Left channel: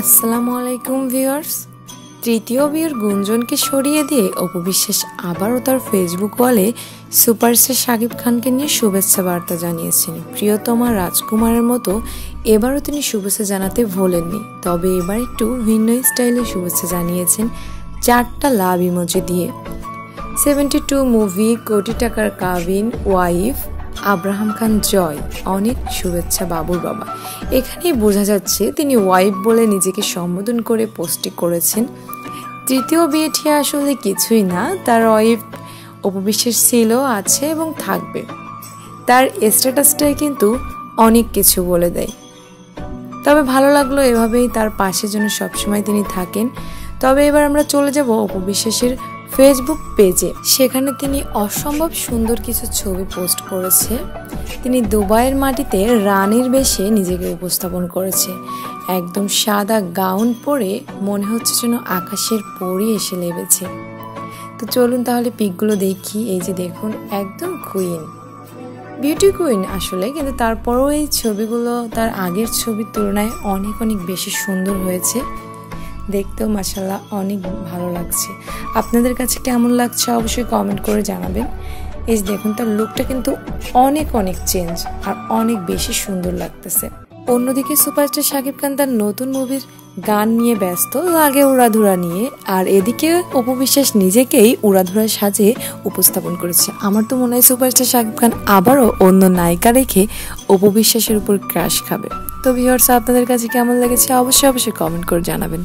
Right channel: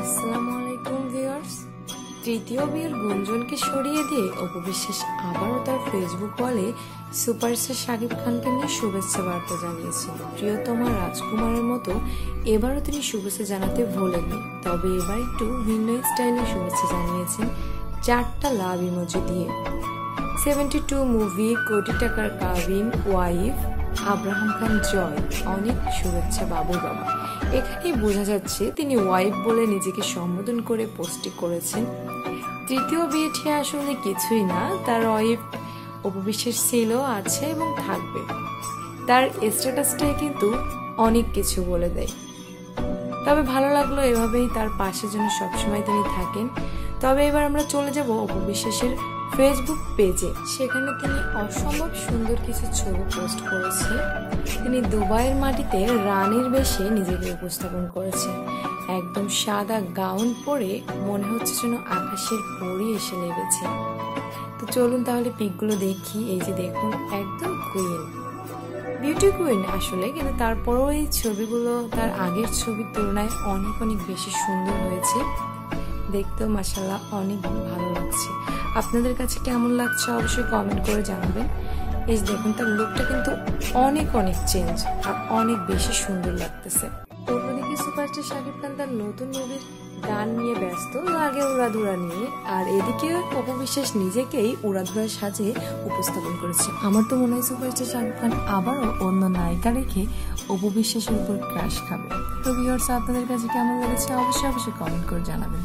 আসসালামু আলাইকুম ভিউয়ার্স। তৃতীয় বিয়ের গুঞ্জনকে সরিয়ে দিয়ে অপু বিশ্বাস আবারও তার ফেসবুক ওয়ালে সুপারস্টার শাকিব খানকে নিয়ে শুভেচ্ছা বার্তা জানিয়েছেন। প্রিয়তমা রাজকুমারের মতো এবারও তিনি শুভেচ্ছা জানাতে ভোলেননি, তবে এবার একটু ভিন্ন স্টাইলে শুভেচ্ছা জানিয়েছেন 4টা লাভ ইমোজি দিয়ে। 72 মুভি, কোটি টাকার কাবিন, ওয়াইফ, আব্রাহাম খান জয়, অনেক শুভেচ্ছা বাবুর বাবা। এখানেই বোঝা যাচ্ছে তিনি ওয়াইফ বলে নিজেকে সম্বোধন করে পোস্টটি করেছেন। তৃতীয় বিয়েটি আসলে কিছুই না, তার ওয়াইফ অপু বিশ্বাস ছিল, আছে এবং থাকবে। তার স্ট্যাটাসটাই কিন্তু অনেক কিছু বলে দেয়। তবে ভালো লাগলো এভাবেই তার পাশে যেন সবসময় তিনি থাকেন। তবে এবার আমরা চলে যাব অপু বিশ্বাসের ফেসবুক পেজে। সেখানে তিনি অসম্ভব সুন্দর কিছু ছবি পোস্ট করেছে। তিনি দুবাইয়ের মাটিতে রানীর বেশে নিজেকে উপস্থাপন করেছে। একদম সাদা গাউন পরে মনে হচ্ছে যেন আকাশের পরি এসে লেগেছে। তো চলুন তাহলে পিকগুলো দেখি। এই যে দেখুন, একদম কুইন, বিউটি কুইন আসলে, কিন্তু তারপরেও এই ছবিগুলো তার আগের ছবির তুলনায় অনেক অনেক বেশি সুন্দর হয়েছে। দেখতেও মাশাআল্লাহ অনেক ভালো লাগছে। আপনাদের কাছে কেমন লাগছে অবশ্যই কমেন্ট করে জানাবেন। এই দেখুন, তার লুকটা কিন্তু অনেক অনেক চেঞ্জ আর অনেক বেশি সুন্দর লাগতেছে। অন্যদিকে সুপারস্টার শাকিব খান তার নতুন মুভির গান নিয়ে ব্যস্ত, লাগে উড়াধুরা নিয়ে। আর এদিকে অপু বিশ্বাস নিজেকেই উড়াধুরা সাজে উপস্থাপন করেছে। আমার তো মনে হয় সুপারস্টার শাকিব খান আবারও অন্য নায়িকা রেখে অপু বিশ্বাসের উপর ক্রাশ খাবে। তো ভিউয়ার্স, আপনাদের কাছে কেমন লেগেছে অবশ্যই কমেন্ট করে জানাবেন।